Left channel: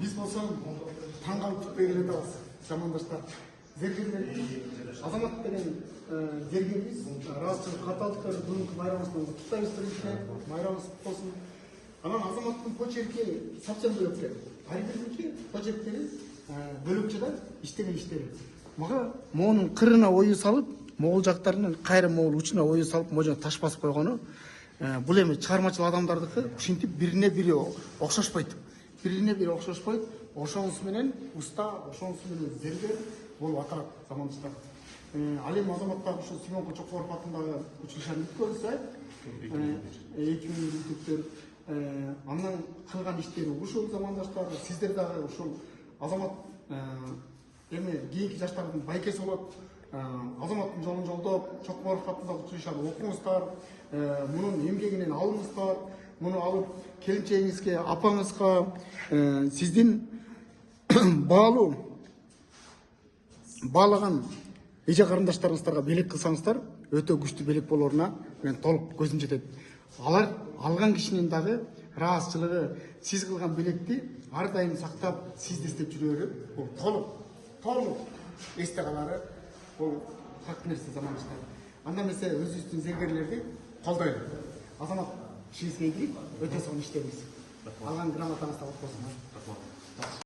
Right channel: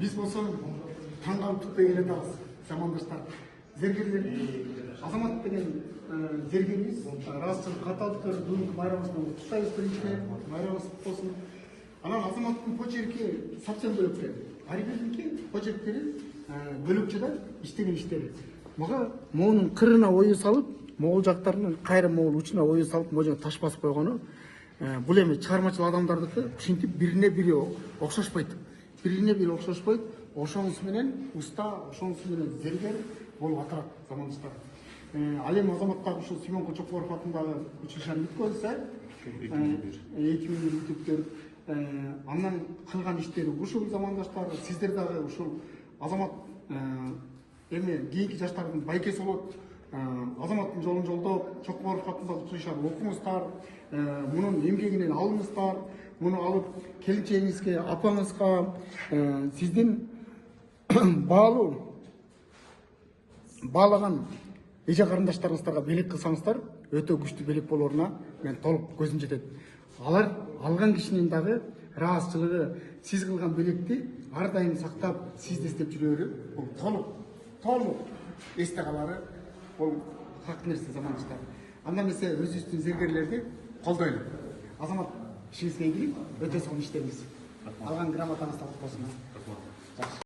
Биз болсо таң калып түкпөй келатабыз, замандаштар. Зергерлер, азамат деген зергерибиз, ыраазычылык каталыктар бүгүнкү майрамыбызды куттайбыз биринчиден, майрамыбыз кутту болсун. Анан азаматтын почерки сапсан бөлөкчө. Ар бириники почерктери бөлөкчө да иштеген иштери. Мага моунун кырына ою салып, могул жактарынын кайра могул учуна ою салып, можо таш басып койгону бул эми чыгармачыл адамдардыкы ушинтип бирине бири окшошпойт. Бирине бири окшошпойт. Ошонусу менен уста, ошонусу менен зергер болуп аталат замандаштар. Ал эми азаматтар ушу Семен Чокморов атындагы училищени бүткөзсө, 2000 бүтүптөр андан кылган иштери ушул замандаштар, сиздер дагы ушул азамат эми кийинки жаштардын байкеси болот. Азаматтын жолун жолдоп, Чокморов атындагы училищени окуңуздар, мунун эмгегинен алыңыздар, муну алып келинчегиңизге, апаңызга, сиздин баалаган эже карындаштарыңыздарга белек кылсаңыздар, өтө күчтүү белек болоруна мен толук көзүм жетет. Алар алган кишинин дагы ыраазычылыгы, сиз кылган белекти ар дайым сактап, сизди издеп жүрөрү, бул толук эсте калары, бул факт нерсе замандаштар. Анда эмесе өзүбүздүн зергерлерди колдойлу. Азамат, ишиңизге ийгилик, өтө сонун иштеңиз. Алган грамотаңыз да болсун.